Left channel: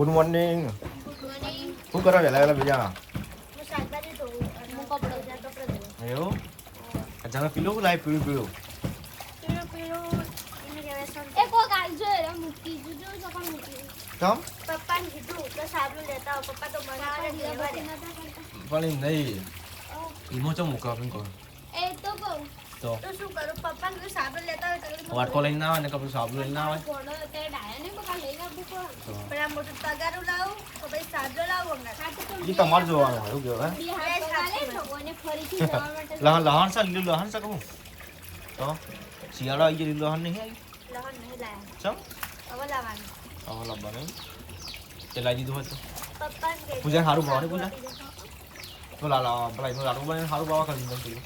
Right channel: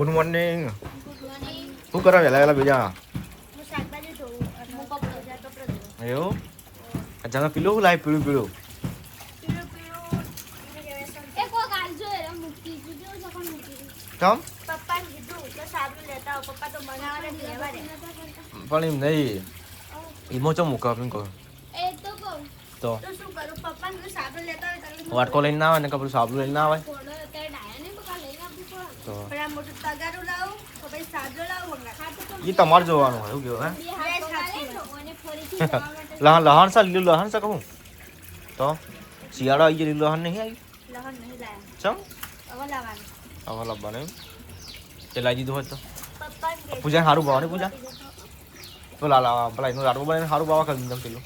Good morning. શું કરો વહેલા બીજા? એવું અચાનક પીલું લાવી પીળું પીળું પણ એમ નહીં ઈમો ચો મૂકો આપણે કહો તો વાટકો લઈને ના આવે ને કપડું સાબુ લઈને ના આવે તો એ તમારે જોવાનું હોય એવું કેવું હે લહણ સા લીલું લહણ સા કહું તો શિયાળો આવી ગયો લીલું લહણ નહીં આવ્યું ચમ હવે લાવવાનું એમ તે લાવી દીધું હોય તો પૂજા સારું ભાવવાની પૂજા તો પેલા એનું લાડુ બનાવીને સારું ભાવ કરી દીધું પેલું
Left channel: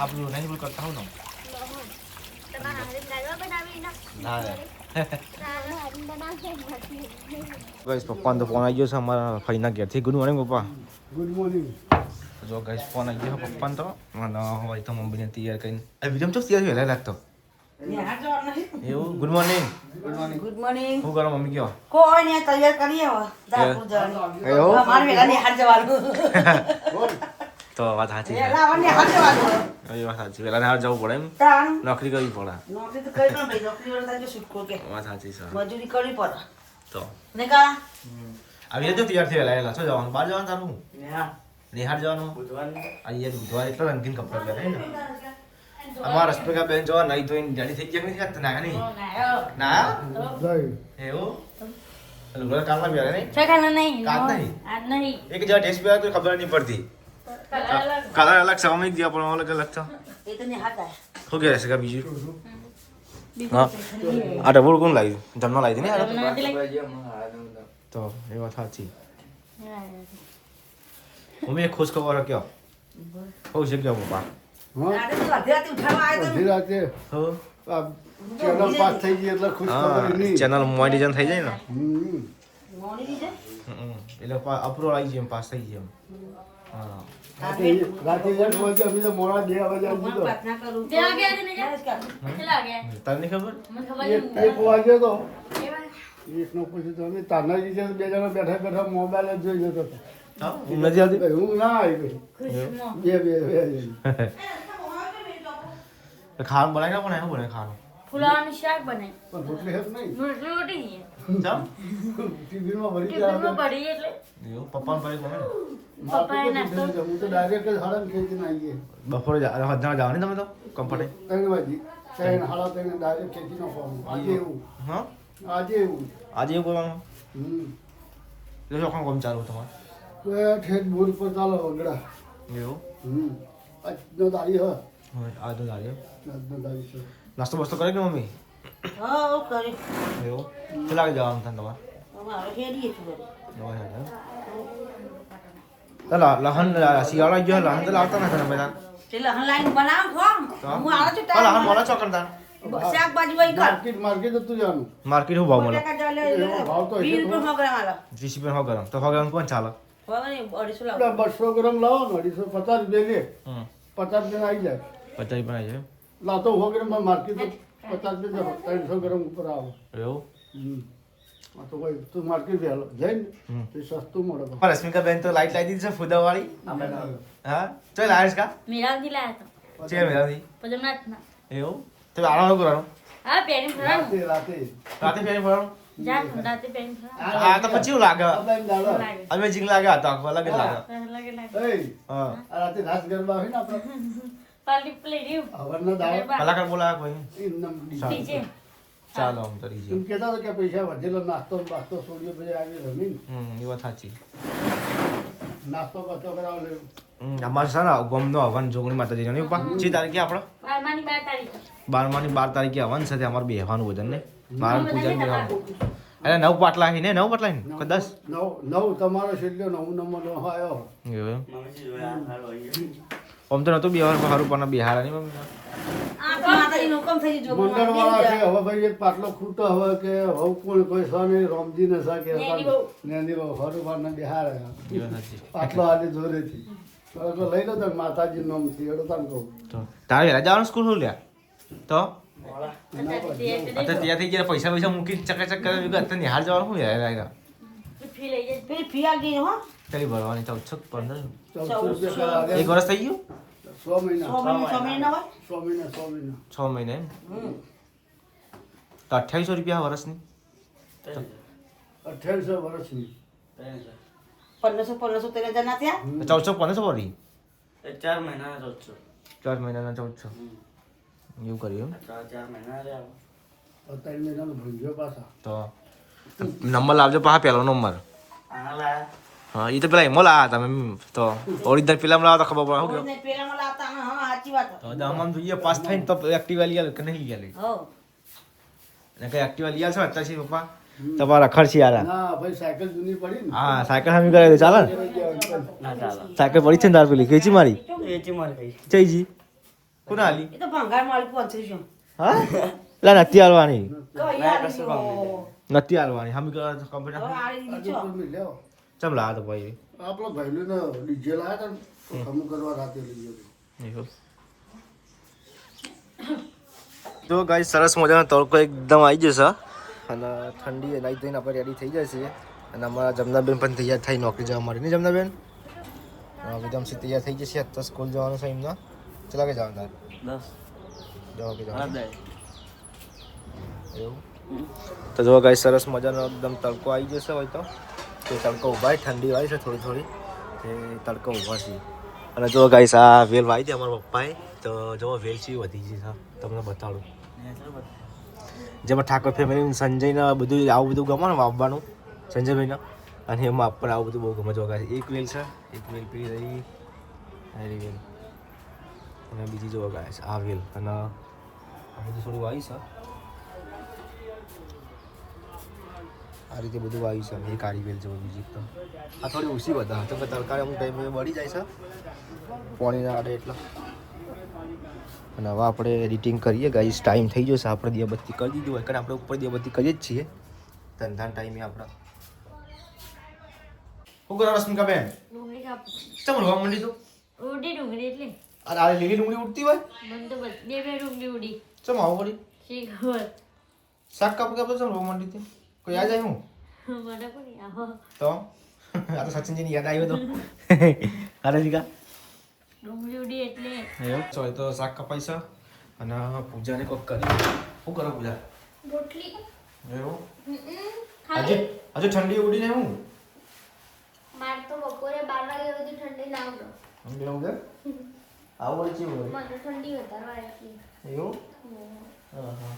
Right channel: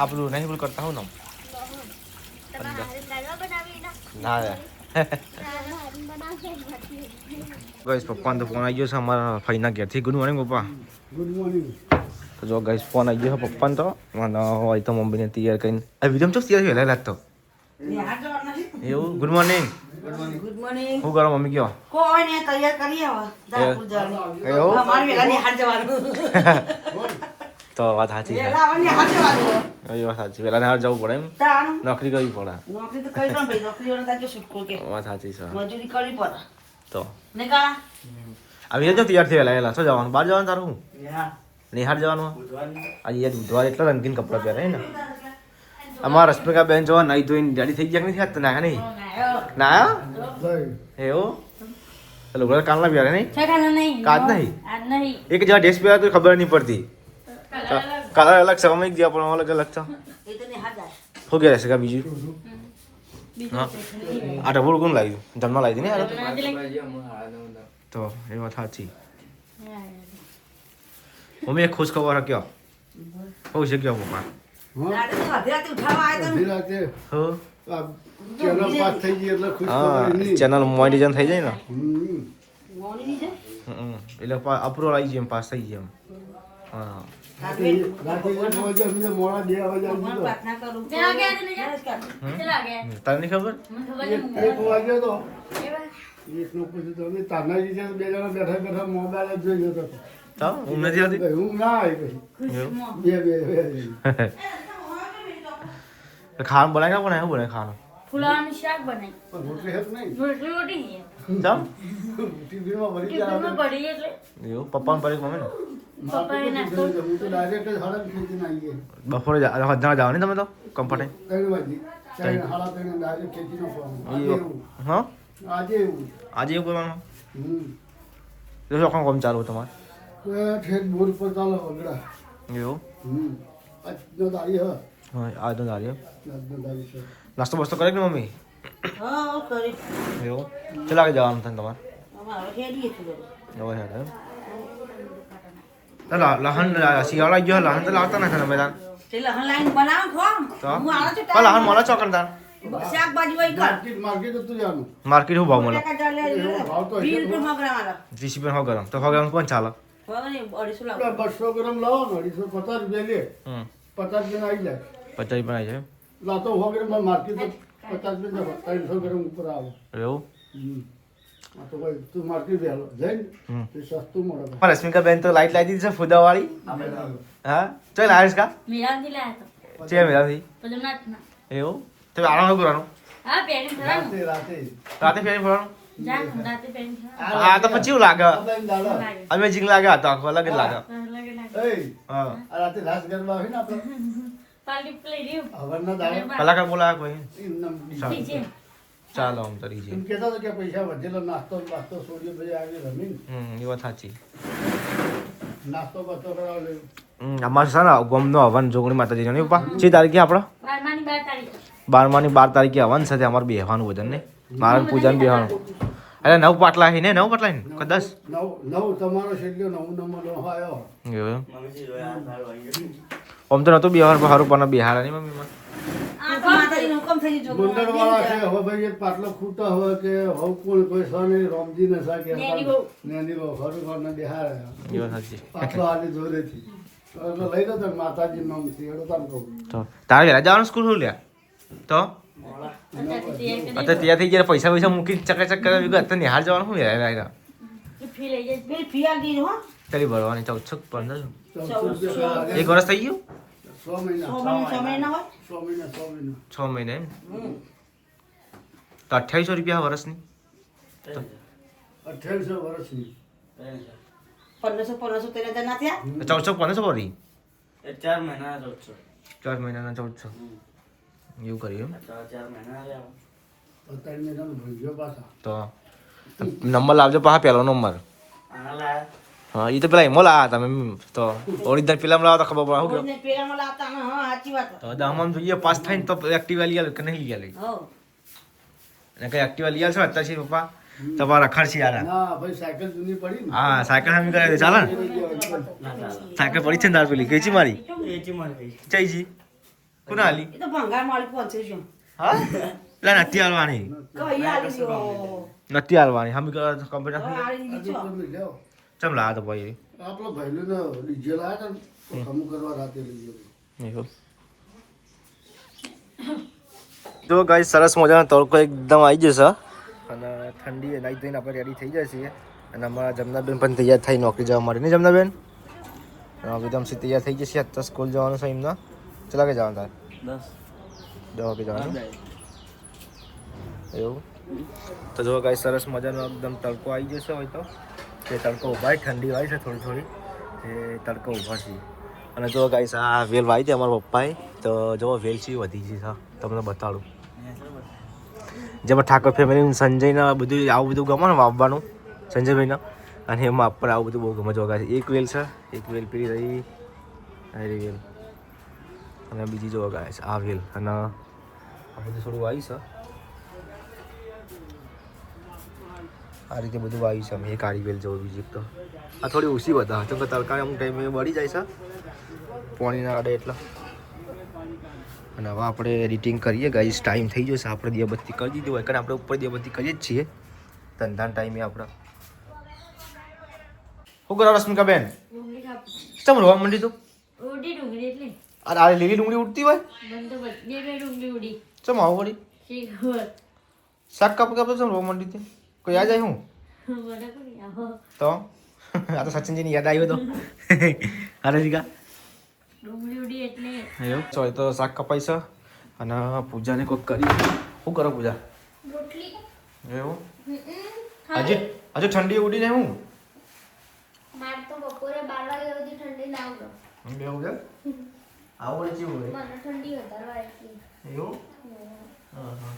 આપણું નહીં પેલું કરતા હોવ ને ના ગાઈસ પપ્પાનો તો ફોન આવી ગયો છે અમારા ફઈના ઘેરથી. ગુડ મોર્નિંગ પપ્પા. Good morning. તો જો ગાઈસ ફોન આવી ગયો છે પપ્પાનો તો મને હોય તો મમ્મીને તૈયાર કરીને આ વિડીયો ચો તૈયાર વહેલા લાગતો એવું. Good morning. Good morning. Good morning. શું કરો મમ્મી કયો? કોઈ ને તૈયાર કરી આવો જાપુર જવાનું. એવું અમાર વેલાની હાર જવાનું. તો વાત સાચી છે. વેલાની હાર જવાનું. એ વાત સાચી. વહેલા હાર જવું પડે એમ. તાનું નોકરી કરવી પડે. નોકરી તો કરી દો ભાઈ, નોકરી વાળા તાજો છૂટકો કે વાત સાચી છે. મજૂરી કરવી પડે. તો ને કા આવી જજો તૈયાર થઈ વહેલા શું જવાનું? બહાર જવાનું તારું? નેહા નિહાર જવાનું પૂછવાની આજે યાર બુધવાર એટલે રંગીન કપડાં પહેરે ને અમારા રશ્મિકા બેન જોવા નહીં ધોઈને રેડી થઈ ગયા નથી તો ના નહીં ના એવું લુગડા કાલના પહેરે નહીં છકાના નહીં કાચ નહીં આજ નહીં એક જેવા ડ્રેસ પહેરે તો ખબર નહીં પડતી કલર અલગ છે અમે ગયા પણ અલગ અલગ છે એ તો ને હાથ જાય શું કહે છે બીજું હા આ ડબલ કોણ લાવી જમવા લાવી ને તો એ વાત સાચી મમ્મી એક ખુશ ખબર કયો બહુ છે કયો પપ્પા આડે તો અધેરાથી ઉઠાવા આવ્યો તો અઢી રાતે હો આ ચેનલ પાસ થઈ ગઈ એટલે ખુશ હા ખબર નહીં. ચેનલ મોનિટાઇઝેશન થઈ જાય ને મોની દીજે એટલે અપ્રુવલ આવી જાય એમ પાસ થઈ જાય એમ હા રાતે 1 વાગે અમે તો મોડા 2 વાગે આવી હું ગયો. પ્રાર્થના કરું ચલા ગયા ને ચલા ગયા તને નહીં ખબર મને ખબર એક વાગે તો એકનો પછી તો અમે તાનાજી છે બે જણા બેઠા બેઠા મોબાઈલ જ જોઈ જતો હતો. ચાલ હું નથી આવતી ભાઈ હું ના આવી ભાઈ એવું? બે ખાવાનું બનાવી ના બનાવે બનાવે ખાવાનું ફુલાવાનું શાક બનાવી પણ રોટલી હેત નહીં રોટલી રોટી નહીં ચાલ ટિફિનમાં ભરી ટિફિનમાં પડી એટલે એવું પપ્પાને પડી મમ્મી ને પપ્પાએ નાસ્તો હું તો ડાયરેક્ટ જ હાડા ખેંચીને આવી ગયા. બપોરે જવા ને તમે તો કમ્ફર્ટે 3 વાગે 3 હાડા 3 ડાયરેક્ટ ખેંચી નાખવાનું. આજે એવું હા આજે એવું આજે એવું કરવાનું તો ચોખ્ખા કામ ચાલુ તમારે તો એ ઠેઠ બોર પર ચાલો વગડા એવું આજનો દાડી હા હા આજનો દાડી આજનો દાડી છે નાસ્તો બસ્તો કરે કે મમ્મી હા કરી એવું કેટલા વાગે જવાનું થાય તમારે અમારે ખેડીએ છીએ એવું છે લહન શિયાળા ગયો લહન તો લાવતા નથી તમે તાર તે લહન લાઈન બનાવ ખોમ હું આવો છું લહન મળે ચોકન તાર શાકભાજી વઈ કર માર્કેટ હતું જાનું માર્કેટ શું ભાવ મળે 20 રૂપિયા 100 ગ્રામ આલો 20 રૂપિયા 100 ગ્રામ તો 100 ગ્રામ કોણ ચાલે હવે ને 250 લાવો 200 ગ્રામ લાવો ને 250 રૂપિયા લે હમ 50 રૂપિયા આવી જાય 50 રૂપિયા છે લાતો 100 ગ્રામ માર્કેટ 50 રૂપિયા 300 ગ્રામ ઉપર આવે એવું આ તો ભાઈ તું માર્કેટ વેલો જઈને તો સસ્તું મળે રશ્મિકા બેન તો લાઈટ લાવી દીધી છે ફુદા વાળી હા ચાલ આવીશ કા મીરાજી લાયા તો છે મેરાથી પદમનાથમાં એવું તો આરામ કરવાનું હા પેરી ફરાનું રાતે રાતે ફેરી ફરવાનું જા રાતે પેરી ફરાનું હા તો પછી એવું લાગે લાગે અમેઝિંગ લાગે આ તો આખો અલગ જ લાગે લાગે લાગે હા આ રાતે રાસ ગરબા આવે ને આપણે પાર્ટી પ્લે રહ્યું હવરના દાડે કલાકાર બોલાવે કોઈ એમનેમ ડીજે ચાલો આમ તરી છે એમ કહેતા હતા કે પૈસા વધેલો નાસ્તો છોડીએ બધા આવી રમી એ વાત સાચી નાસ્તો બસ્તો કરાવે અમારે છે ને ગમનો હવન જોગણી માતાજી ને પપ્પા 6 તારીખે આપણો 12 તારીખ 12 તારીખે હવન છે અમારે બેહવાનું ભજન ને મારા પૂજન બેહવાનું અરે 9 પાટલા હી ને 9 પાટલા હી કે 10 નવ તમારો છેલ્લો 9 નંબર આવ્યો એવું આમ તો નતું બિહાર હારું પણ બિહાર નહીં મમ્મી આ તો માતાજીનો હુકમ થઈ ગયો મંડળ વાળા છે હવે ભાઈ એક પાટલો ખૂટો હવે કે હવે કોઈ કોઈ સાને રામજી ને સા કે નેની હરું પર ને બિહાર એ વાત સાચી પાટલો આને જોરેથી તો લઈ લો તો માતાજી નામ થી એડો તામ કહું તો તારે વેલા જવાનું સ્કૂલ શું લ્યા તો અત્યારે ત્યાં થઈ ગયા પૈસા મૂકી ચકાચક કરે અત્યારે નિહાળ જવાનું શું યાર ફી લઈ જાય પેલી ફી આલી દીધી હો ચાલી ભરવાની 1415 14 એક વર્ષ થઈ ગયું 6 મહિના 6 મહિના હોય 6 મહિના 6 મહિના એમ તો 2800 રૂપિયા વર્ષની 2800 વર્ષની 1500 13,000 ના થયા 1415 ભરી 4 મહિના 1400 4 મહિનાના 1400 એવું કર્યું એમ 4 મહિના રહ્યા 4 મહિનાનો ભૂંજો પાછા તો નંબર લાવજો પાછા પહેલો નંબર આના લાયા હા એ તો પેલા એમો લાયા તમે તો ઓરિજિનલ પેલા લાવો તો ખબર પડે શું ઓરિજિનલ પેલામાં લાવતા હા સાચી વાત તો દહમાં જોઈએ પાસ થઈને તો એક્ટિવા લઈ આલે કે નહીં લઈ આલે હો અને કઈ એક્ટિવા લઈ આવશો અત્યારે છે પપ્પા તમારા ખર્ચી આલા ના ભાઈ સાયકલ જૂની પડી ને હા સાયકલ હમી કરે ચાલે ને ના ચાલો સાયકલ પડી છે ને તાર પેલી કેચી મારી એચી માર ગઈ જઈજી કોના આલી એ તો ભંગાર માળી પહોંચી હા લા નથી આલવાની કઈ આલી દીધો નથી આલવાની હમી કરે કમ્પ્યુટર હવે આલી દીધી છો તમે લેવો ચમ લા તો ભાઈ આપણો ભાઈનો ડીજે લાયા હતા ખમ કરવા રાતે લઈ ગયો એવું તો ગાઈસ સરસ મજાનો તડકો એકદમ આવી જશે અને ઠંડી નાઈ થઈને આપણે રેડી થઈ જાય છીએ અને અમારા જમનાબેન પણ તૈયાર થઈ નોકરી જવા માટે નહીં જમનાબેન વિધમસી તૈયાર થઈ જશે અત્યારે સ્કૂલ જવાનું છે એમના ચલા કે જવાનું તાર 10 વાગે જવાનું એવું તો જો ગાઈસ સરસ મજાનો એકદમ તડકો આવી જશે હોય તો તે તડકો ઊભા ઠંડી વાય છે થોડી થોડી એ તડકો ઊભા છે અને જો ગાઈસ આ વેલ વાવી હતી અમારા પપ્પાએ તો જો વેલ છે વધી ગઈ છે તમને બતાડું જેમાં ઠાકોર ફેમિલી સંજયના બધું આવું બધું ગમે ને વાવવાનું સંજયભાઈના અને એમાં આપણે આવું બધું બહુ ગમે જો ગાઈસ એક વેલ છે એક વેલ પેલી રહી આ વેલ અને બીજી જો ગાઈસ આ વેલ અને આ બધું થોડું વાવી છે આ રીતે બધું વાવ્યું છે અમે એક આડી વેલ જવું બીજી તો આ થોડી ઓછી બધા તો તરકારી અમુક ટાઈમે બળી જાય છે પાણી ના આડે એટલા અને હવે આપણે એડિટિંગ કરીએ ગાઈસ ટાઈમ થઈ જશે આપણે દીવાબત્તી કરી દીધી હોય કારણ આપણે ઉપર દીવાબત્તી કરીએ જ છીએ ધંધાના ટાઈમે આપણે શું કરો રશ્મિકાબેન ડુંગળી કાપી ચમ રોવા મંડી તું ઉડી ડુંગળી એટલે આ લીલી ડુંગળી ઉડતી હોય મને તો બે ડુંગળી ઉડી ચમ આવું વળી શી ખબર શાક કાપ ચમ રોવા મંડી તું કોઈ યાદ આવ્યું મને પણ આવો તો આ તો સચિનજીની યાદ આવ્યો તો અરે જીગા ડુંગળી ઉડી એટલે એવું ચાલ તો શાક કપાઈ છે અને પૂજાને કોઈક કરી શું કરો પૂજા રોટલી એવું હજી ઠંડી ઉડીને હું માર તો બપોરે 12 વાગે સુધી ઠંડી લાવજો એવું છે આવું વળી કેવું મને ઠંડી વધારવા એટલી એવું હા હા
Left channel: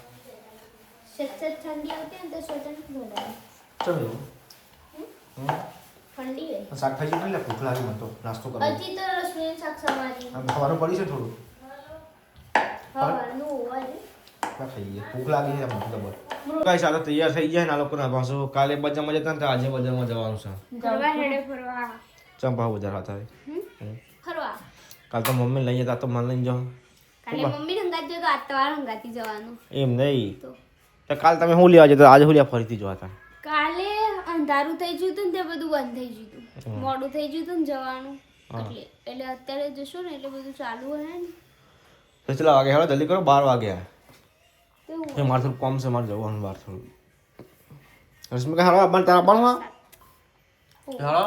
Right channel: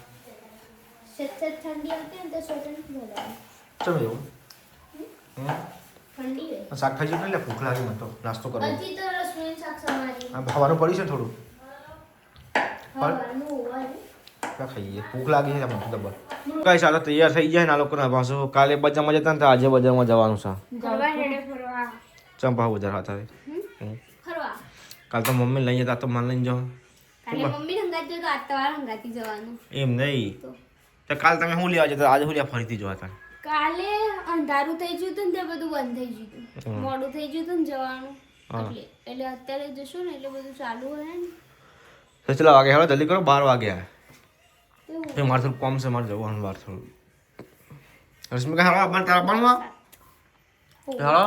સચ્ચે ઠંડી આવતી ને તો સ્વેટર નથી વધારે ચમ એવું ઠંડી હોય શાકભાજી પણ લે ભૂખ લાગી મને તો નાસ્તો કરો હજી તો રસોઈ શાક સમારી ખાવાનું પડ્યું છે થોડું હવાનું હોય ક્યાં ખાઈએ ભૂખ લાગી છે મને ડબલ કઈ સાલો તૈયાર થઈ જાય ને આ લોકોને પાછું કાલે બજારમાં જતા ને તો આજે બજારમાં જવાનું છે ફરવા હેડે ફરવા ચંપા બજાર હતા ફરવા કાલ તો મમ્મી લઈ જતા તો મને લઈને જાઉં કાલે મમ્મી હંગાતી તો આજ તમારે હંગાતી જવાનું એમ નહીં તો કાલ તમે શું લેવા જતો આજે શું લેવા ફરીથી જવા હતા કાલે અંધારું થઈ ગયું હતું ને તે બધું બંધ થઈ ગયું હતું મોડું થઈ ગયું હતું ને જવાનું એટલે અત્યારે જશું ને એટલે બધું ચાલુ હે ને તો ચલા વાગે હવે જલ્દી કરો 12 વાગ્યા એવું એ મારે થોડું કોમ છે મારે જવાનું બહાર થોડું રશ્મિકા હાલો પણ તારા ભણવા હાલો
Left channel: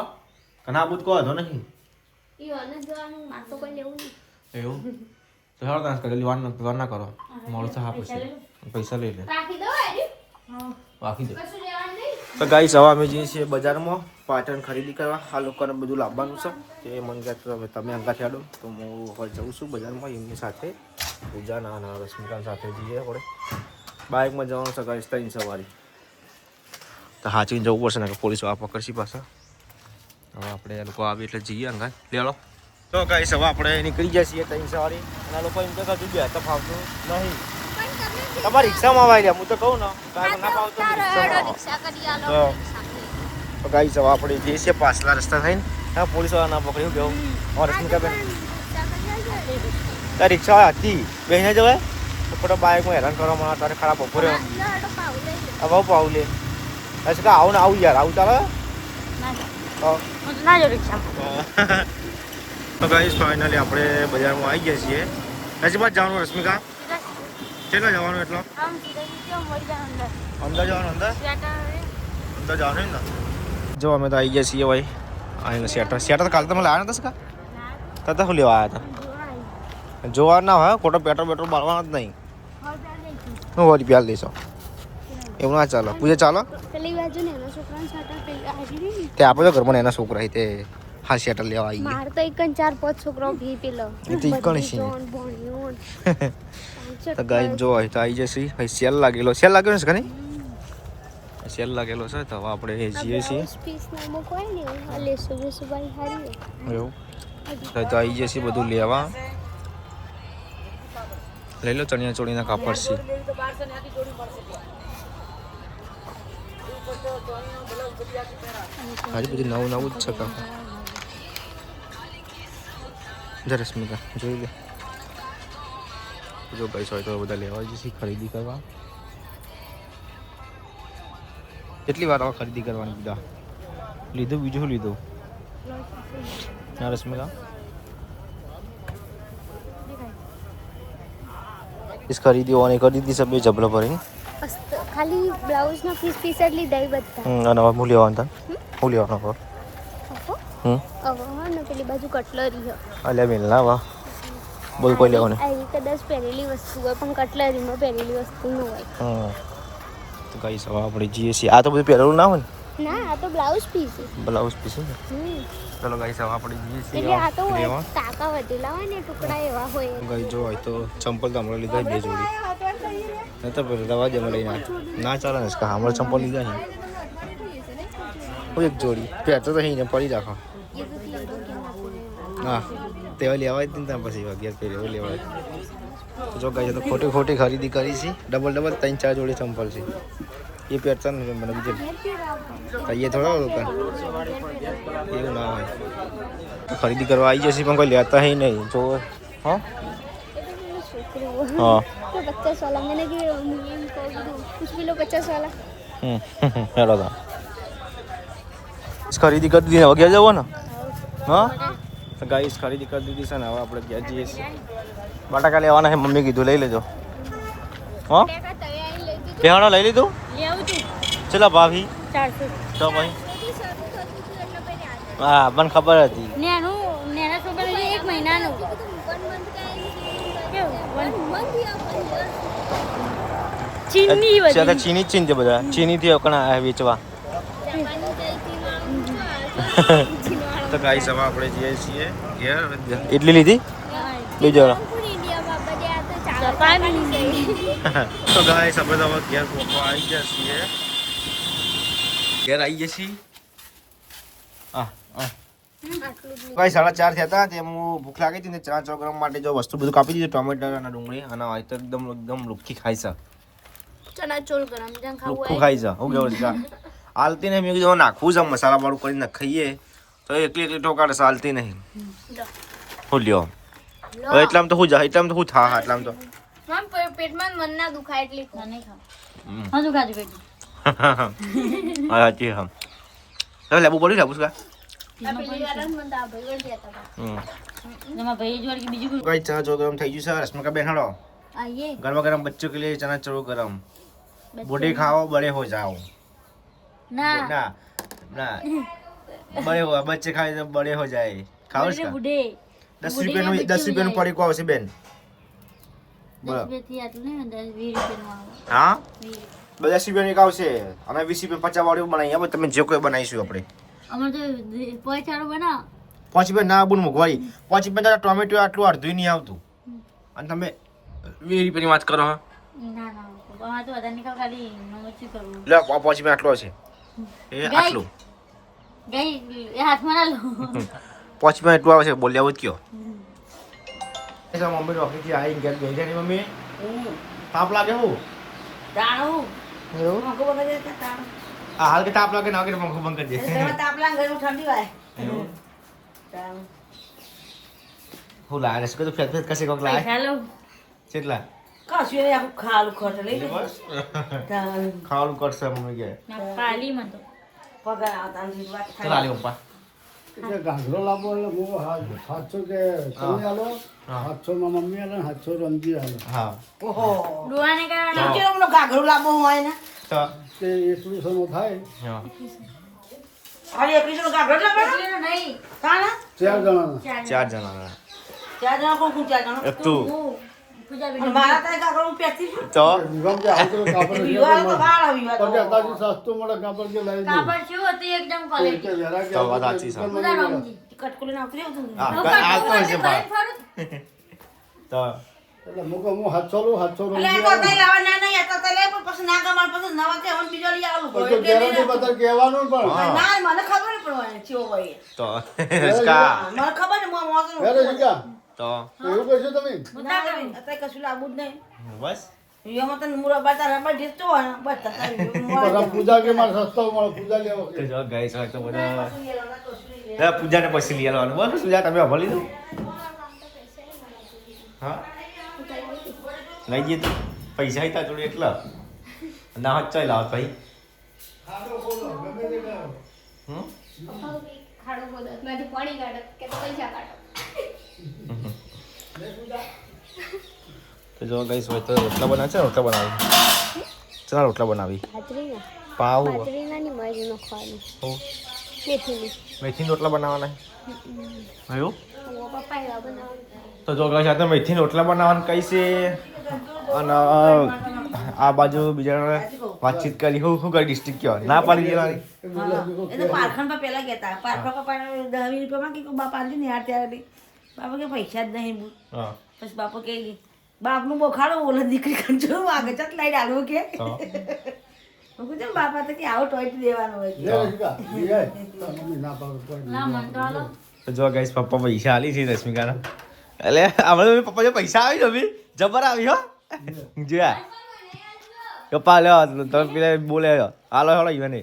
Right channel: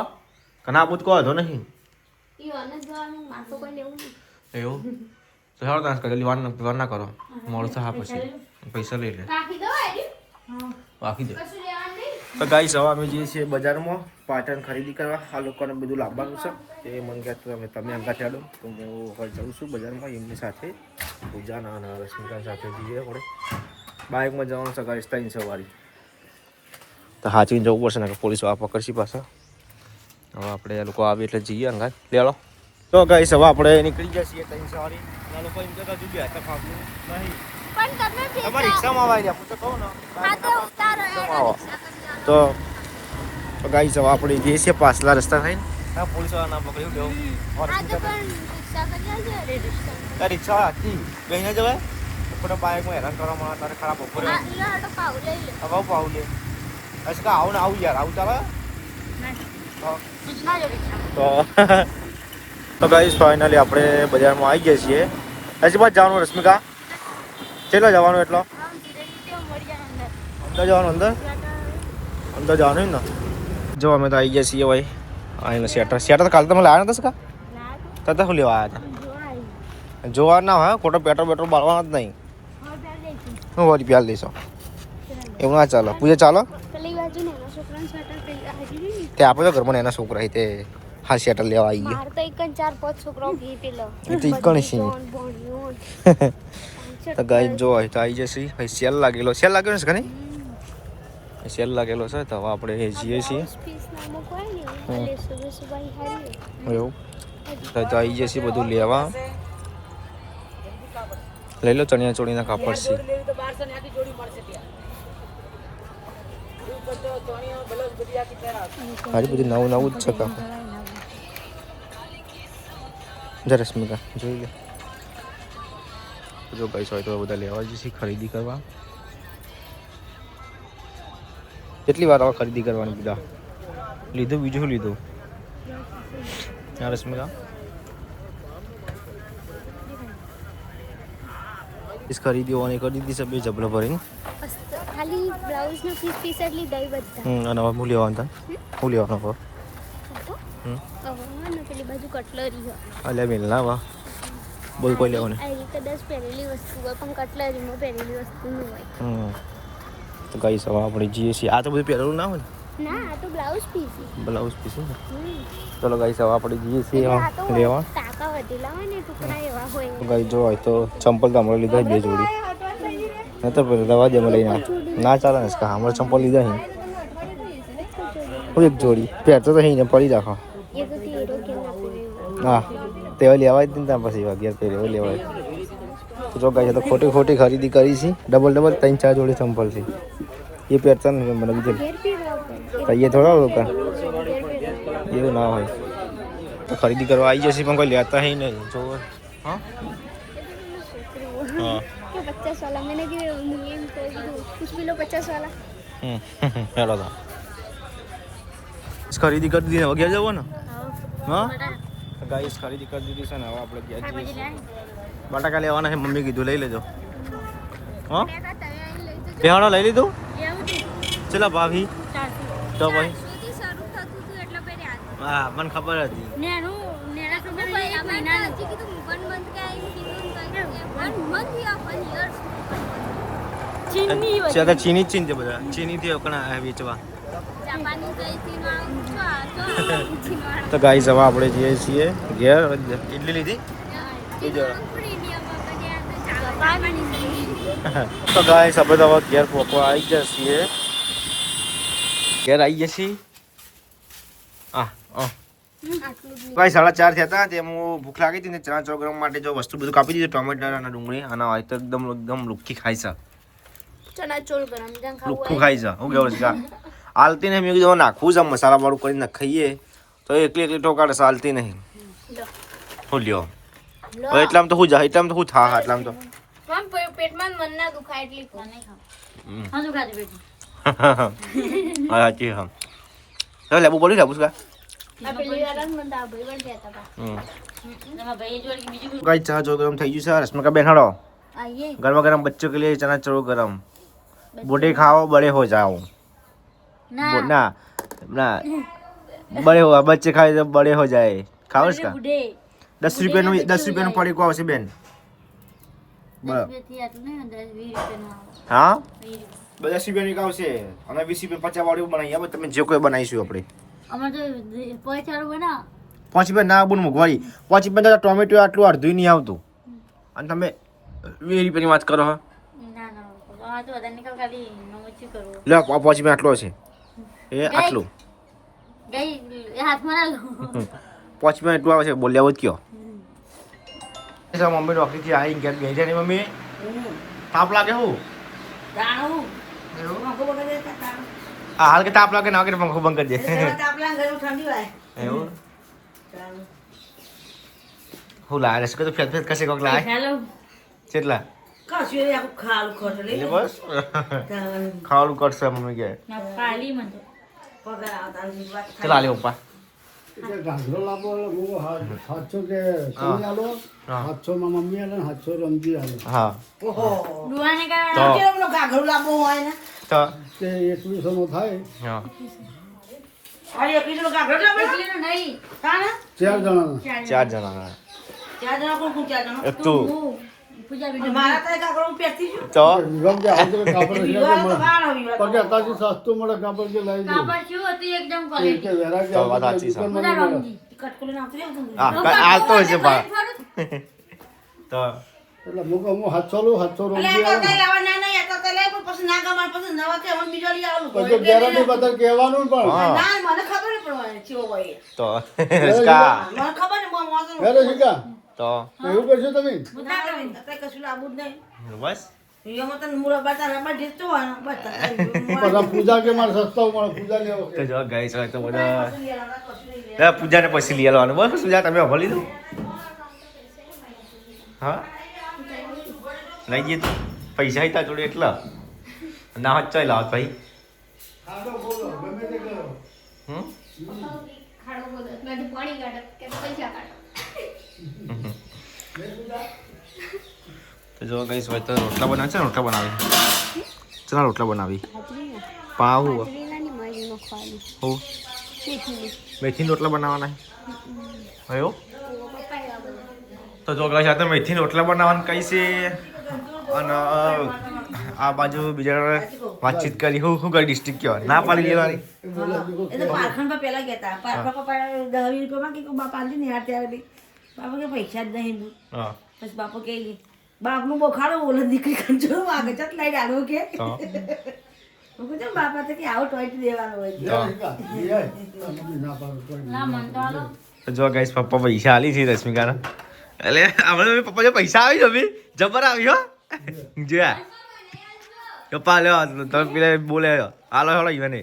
કના બુત કહો તો નહીં ઈ અને જવાનું માર તો કોઈ લેવું નહીં એવું તો હાલો તાર જલ્દી વાર ના કરો મોડું થાય પછી પૈસા લઈ લે રાખી દો આરી રાખી દે કશું લેવાનું નહીં તો ગાઈસ હવે અમે જઈએ છીએ બજારમાં પાટણ ખરીદી કરવા આ લોકોને બધું લાવવાનું છે તે મને કહે તમે અંગા છાડો તો હું હવે જઉં છું બજારમાં એમની સાથે પૂજાના અને રશ્મિકાની સાથે જઈએ આપણે બાઇકમાં જવાનું છે ગાઈસ 3 સવારી તો હાચવીને જવું પડશે ને કે પોલીસો આ પકડશી પાછા હવે આપણે એ લોકો આવે એટલે જઈએ અંગા લેલો તો ગાઈસ હવે આપણે નીકળી ગયા છીએ 3 સવારી અને આ લોકો એમ કહેતા કે બે તો ફાવતું નહીં તમારી રિક્ષામાં આવી રહ્યા હું તો કહું ને તો ગાઈસ હવે આપણે જઈએ છીએ પાછલા રસ્તા થઈને પોલીસો ના પકડી ગયો રિક્ષા હતી બેને જવાય થોડો બાઇકમાં હેરાન કરવા મને તારે ખરાબ બપોરે હવે પાઉલે અચ્છા આવું ને આવું યાર આવું ચાલે તો ગાઈસ ફાઇનલી આપણે બજારમાં આવી ગયા છીએ હજી બાદ જવાનું રશ્મિકા કેટલા જવાનું એટલો આમ સીધા સીધા મળી જાય અંદર અંદર જવાનું અંદર સ્વેટર અંદર જવાનું ને જો અમે તો આવી ગયા છીએ ભાઈ આને શેટર કાલે તમે લાવ્યા નતા કા ના તતા શું લેવા આવ્યા જોવાય હતા જોવા ના હોય ખોટો પેટ્રોલ બાળવાનો જ નહીં હવે પહેર દઈશું હું વળી પ્યાલ દઈશો એવું ના ચાલો પૂજા ચાલો પેલી બાજુ ને એનો છોકરાનો સ્વેટર પેલી આવી ને તે આપણે તો ઘરમાં એના છોકરા તે હા શેટર લેવા આવી ગયા માર તો એક જ 4-5 છોકરાઓ ભી પેલો એ તો ઈકણ છે તો ગાઈ જો હોય તો આવી જશે હવે સેલ લાગેલો છે કને સેલ લાગેલો છે તો હવે આપણે જઈએ છીએ પીસ નામો કોઈ નહીં લેસો બેસો ભાઈ હારી એવું તો આવી જશે બધું લેવા લઈ લો ચણિયા ચોળીના કાપડ છે આજે બધું નવું જ છે કાપડ જા રશ્મિકા જોઈ લે જો પૈસા હોય તો બધા લેવા જઈશું ખરીદી કરવા કેટલી વાર હવે ખરીદી કરવાની બધા લીધું બીજું શું લીધું હા રશ્મિકા इस खरीदी होने कर दी सब जबला भरी ખાલી બ્લાઉઝ ના પીસ જ લીધા બધા અને હું લેવાનું હું લેવાનું હવે હવે ને પેલી બાજુ કટલરી છે અલ્યા મેલ ના વાહ બોલ કોઈ લેવાનું આ કદાચ પહેરેલી વસ્તુ હોય પણ કટલરીમાં પહેરેલી વસ્તુ ન હોય તો ગાઈ સવા આપણે જઈએ છીએ આ તો બધું પહેરેલું ના હોય ને ના આ તો બ્લાઉઝ પીસ છે બ્લાઉઝ પીસ ને ચલો ગાઈ સવા આપણે જઈએ છીએ એટલે આ તો લેવા ટાકા વધેલા હોય ને ટુકડા એવા હોય ગાઈ જો હોય તો ચંપલ તો હમણાં લીધા 2 જોડી નહીં તો પેલા દવા જ અમે લઈને ના ચાલે ને હમણાં ચંપલ લીધા છે એક જોડી પહેરતો તો અહીં પડી રાખો એ તો તીરો કે હા તેવા લેવાય જ ને ત્યાં પછી અગિયાર પહેરે લેવાય તો જો ગાઈ તો ખોટી ખરીદી કરી છે ડબલ 3-4 જોડી ચંપલ છે એ પહેરતા ને મને બીજું તો એ થોડા દુકાન એવું ના હોય તો ખરીદી કરવા આવી જશે પણ કોઈ લેતા હી નહીં જો હા हाँ तो 50 वाला मैंने कि मुझे इनको कुछ भी लो 50 वाला हेलो था खरीदी कर दी હવે ગયા જવો ને હા ગાઈસ ખરીદી કરી દીધી છે ને હવે આપણે ગયા જઈએ છીએ બટાકા લેવાના છે મમ્મી કીધું લઈ લેજો હા પેહાણો લઈ લીધું ચલા ભાભી 400 તો ભાઈ થી શરૂ થતું હતું એટલે પહેર્યા હા મને ખબર હતી નેના છોકરા 1 મહિનાનો કીધું 1 મંથ કાઈ કીધું 1 મંથ યા 1 યર ચીની છે ચીની ચીન છે બધા ચીની થી કણા વેચવા જાપાની કઈ થી માં તો ગાઈસ હવે આપણે જઈએ છીએ ઘેર એટલી લીધી બીજો તો ગાઈસ આપણે તો ઘેર આવી ગયા છીએ ઘેર આવી ગયા છીએ ભાઈ 4:30 થયા હતા તે હું ભૂખ લાગી હતી ને 4 ગ્રામ માટે જો વસ્તુ બધું કાપી દીધું ટોમેટો અને ડુંગળી અને હોય તો એકદમ લુખ્ખી ખાઈ છે ચણા ચોળ ગરમ જંગ ખાવું લુખ્ખું ખાઈ છે હું કેવું છે હાલતી નહીં મેં કીધું નાખવું છે મસાલા વાળું કરીને ખાઈએ તો એકલી ઠોકાડે ચાલતી નહીં હું લ્યો એટલામાં તો હું જા એટલામાં તો હું થા એટલામાં તો મમ પેટમાં મન ના દુખાય એટલી ખાને હા દુખાતી પેટ હા સાચી હા ચાલ લેબુ પડી લેબુ કા પેલી વાર મન દા ભાઈ વળ ગયા હતા એમાં ભાઈ જોડ કે બીજું ગાઈ ચા જો ગરમ થઈ ગયું છે રશ્મિકા બેન હડો આઈએ ગરમા ગરમ બચ્ચો કે लिए चना चोर गरम बूढ़े खाओ बड़े हो जाओ ના ना ना बड़े हो बच्चे खाए तो बड़े हो जाए खाओ इसका બુઢે 10 रुपये નું પડી કો આવશે બેન બરાબર બેથી આટલું નહીં 20 રૂપિયાનું આવે હા 10 રૂપિયા ની આવશે અમે 20 રૂપિયા 50 વાળી બનાવી હવે તમે જે કોઈ બનાવીશું આપણે અમાર તો પોઈચારો બના 5 રૂપિયા ના બુન મોઘવારી 5 રૂપિયા ટોમેટો આટલું અડધું નહીં આવતું અને તમે 20 રૂપિયાની વાત કરો હા ના ના અમાર તો વધારે નિકાલ ખાલી મમ્મી કરું લે 5 રૂપિયા આટલો હશે એ આટલું ગઈ એ હાથમાં ના લો 5 રૂપિયા એટલું આવે છે બોલ્યા હોત કયો મમ્મી નોકરીથી આવી ઘેર ગઈ છે ને મમ્મી તાપ લાગે હું જાણું એવું પંખો બંધ કરી દે તાણ. હા હાલ કે તાપ લાગે ના કે પંખો બંધ કરી દે જેમાં તાપલા ઘરમાં ઠંડી વાય એવું જાણું. હું લાગે છે કે તું ફેર કશે કોક લાગે હેલો કેટલા કશું નહીં, આખું ખાલું ખોટ લઈ એટલે લે. બસ ખાવાનું. ખાવાનું કરશે મમ્મી કે ના પાલી મન તો પગાર આવતા નથી, વાત ચાલ આલે પપ્પા કે ઘાઘરો લાવવો એટલે હું 700 કે તમે આલો, હા. 700 માં મમ્મી આલે, 700 રમજી આલે. હા ઓહો ડુઆને કારણે તો કેવો પેલો ઘાઘરો લાંબો હોય ને તો તે 2100 નો થાય. હા અરે 21 નો ઘાઘરો લાંબો એટલીનો નહીં. કાના 4 જણાનો. 4 જણા. ચાર જણા કોણ કોણ ચાર જણા તું હું પૂજાબેન મારા તો ઘાઘરો હું પહેરતી છું તો વિવાહ જે હાજરી કાપડ વિવાહ તો મળે. કાળ વિવાહ તો. પછી અત્યારથી સસ્તું મળે કાપડ જે લાવી દઉં. કાપડ શું હતી એકદમ કે ક્વોલિટી. વેરા કે તો વાત સાચી છે. પૂરા રમજી. કટકોલી નાખતી રહેવું તું. હા આ તો છે બા તો એટલે હું કહું, હું 700 લઉં, 700 એટલે રમજી આ તો આલું. કઈ લેવા ના નહીં, આ તો કઈ લે પણ પછી ના ગમાડ પછી નવા કે હવે બીજો લઈ આવું પછી ગેરંટી બદલ કહેવાનું પણ. હા. ના મને ખબર નહીં પડવાની ચેવો હોય એ. તો કા મને ખબર નહીં હું વાંચું. વેરે શીખ્યા? તો એવું કરશો તમે? મોટા કરી. અત્યારે કશું લાવવું જ નહીં બસ એમાં તને મુરબ્બા તારા રબર ઢીસતો હોય ને, બસ બધા પૂજા કે મારે સસ્તા મળે, પૂજા લેવો. તો જો ગાઈસ હોય તો બધા પૂજાને પછી લઈ આવવાનું બસ પૂજા તમે અભળ લીધું હા લઈ ગઈ તું પૈસા હતા જોડે એટલા ના હોત ચાલ આવત ભાઈ ખાડો બોલો, ગમે તે કરો. હમ ખાડો બોલો મેં તો પાણી કાઢો કે તો પૈસા કાઢો. તો જો ગાઈસ હોય તો રોટલા બનાવે છે ને રોટલા બનાવી ચાલ રોટલા બનાવી પાવ બાજરીના બાજુનો ખવાનું હો મેથીની મેથીના રોટલા બનાવવાના હયો ઓ પપ્પા એવા બધા. તો જો ગાઈસ આ તો મેથીના રોટલા બનાવવાનું કઈ છે અને આ બાજુ બીજા વાતચીત કરી હું કઈ ડિસ્ટ્રિક્ટ કહેવાય ના પાડી લેવાની એ બોલે બીજો એ તો પારખણ પર પેલા કહેતા પારખણ પર 10 રૂપિયામાં કે બાપા આલજે ને યાર ત્યાં આગળ. બાપા કે પૈસા જ નહીં બુટ. હા પછી બાપા કે બાપનું બોખાડો ઓલે દીકરી કંચો વાગે ચટ લઈ ડાળો કે તો હું કહું છું બાપા તો કે આવો ટોયટ દેવાનો હોય છે. વેરે શીખ્યા? બીજા? તો મમ્મી ના પાડે તો ના મન તો હાલો. તો જો ગાઈસ પપ્પા પૈસા આલી છે રશ્મિકાના એટલે આપણે પપ્પા જો પૈસા આવી જમી જબર આવી હો જોયા પપ્પા લ્યો તમે પેલા બોલે હાલો હાલો ઈવને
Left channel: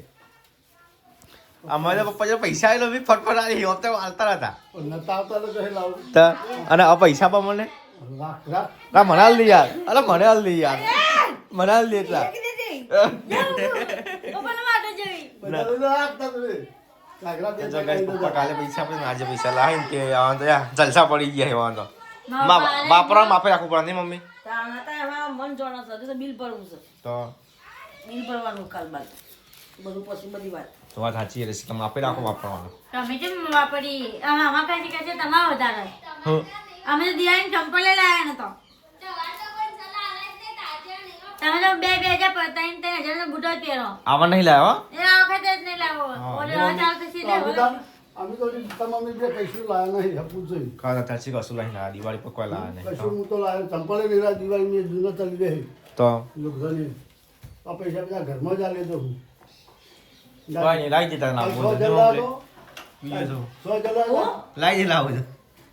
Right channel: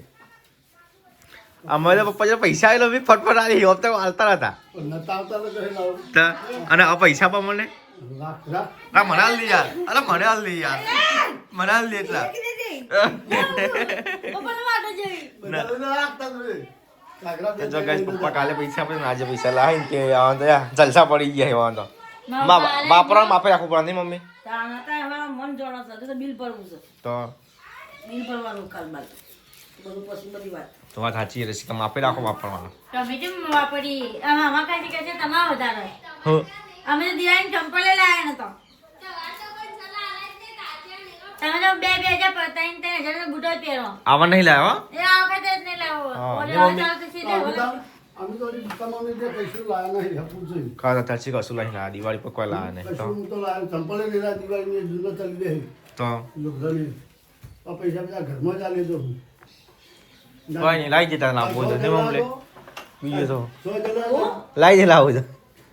અમારે પપ્પા જો પૈસા આવી લો ફટફટ આવી હોત તો હાલતા હતા નતા આવતા તો કહે લાવો. તો અને આ પૈસા પણ મને રાખ, રાખ. ના મને હાલ દે યાર અરે મને હાલ દે યાર મને હાલ દે એટલા પપ્પાનો વાટો જેવી. બધાને રાખ તમે. ઘાઘરા તો જો ગાઈસ પપ્પા કાલે પૈસા આપણે આજે પૈસા લાવીને કે આ તો યાર જલસા પડી ગયા એવા તો વાપરવા માપે રાખવું પડે નહીં મમ્મી તાણ હતા હવે મન જોડો છે હજુ તો બિલ ભરવું છે તો બિલ ભરવાનું કાલ બાદ બધું પછી બધી વાત તો વાત સાચી રહેશે કે માપે રાખો વાપરવાનું તમે જેમ વાપરી આમાં કાઢી કાઢી તમારા વધારે. હું અમે તો દિવાળી ચંપલ લાયા ને તો તમે તો 2,000 પર 3,000 નો બુટો જ પહેરો. આવા નહીં લાવ્યો એ આ વખતે જ નહીં લાવો. હા, ઓલે એ હવે મમ્મી- ચાલતું સીધે ઓલે. અમે તો હજી તમામને જે કશું લાયા નહીં હપું જોઈ. ખાતા તાચી કશું લઈને આ દિવાળી પર કોઈ લાવે નહીં કશું હું તો લાયો ચંપલે નહીં લાયો, દિવાળીની જૂના ચાલી દે તો લોકોની. આ પૈસા બધા ઘરમાં જ આલે દઉં. ભાઈ લાવી જતા ના બોલ દે મમ્મી બીજું તો 100 જણા લાવી દે લાવું તો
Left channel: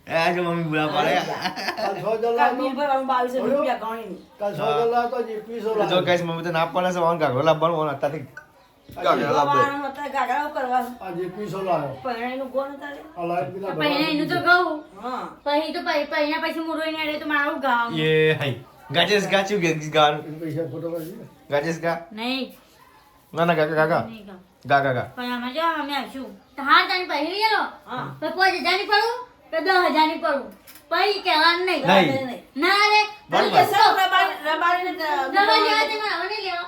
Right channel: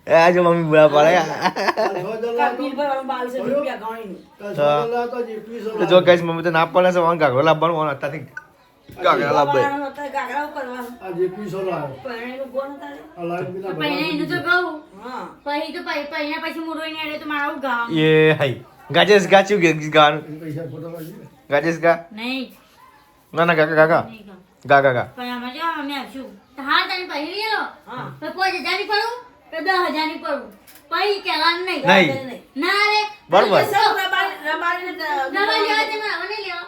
એ આજે મમ્મી બોલા પડે 100 જણા કાલ બિલ ભરવાનું 2200 રૂપિયા ગણીને કાલ 100 જણા તો 2100 જો કઈશ મમ્મી તો ના પડે છે વાંગા ઘોલા બનવાનું અત્યારથી ગાગરા લાવે વાળવાનું હતા, ગાગરાઓ કરવાનું આ 2100 લાયો. પહેરણીનું ગોળ હતા રે. આ લાયો પેલા પહેલા એનું તો કહું હા પછી તો પહેલા પછી હું રોઈને આડે તો મારું ગામ એ હાઈ ગાજેસ ગાચ્યું કે ગાનું પૈસા ખોટા લાગી. ગાજેસ ગા નહીં ના ના ગાગા ગાગા નહીં ગામ. ગા ગા ગા પણ આમાં જો અમે આવશું તો હાર તને પહેરી લેલો હા તો 5,000 ની પડું તો 10,000 ની પડું પછી કહેવાનું નહીં નહીં. ના રે બરોબર. રબારી રબારી દવા લેવા તે મારે મને લેવા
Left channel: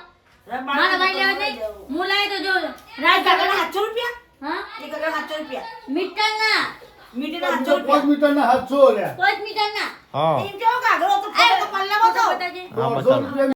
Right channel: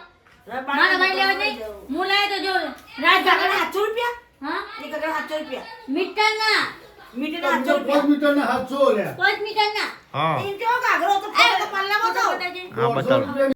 મારે ભાઈ લેવા નહીં હું લાવે તો જો રાત ગાગરા જાગર 700 રૂપિયા હા એક ગાગરા 700 રૂપિયા મીટર ના મીટર 700 5 રૂપિયા મીટરના 700 લ્યા. 5 મીટર ના હા એમ કેવો ગાગરો તો પલ્લા ફોટો બતાવો બતાવજે હા 100 બતાવો રૂપિયા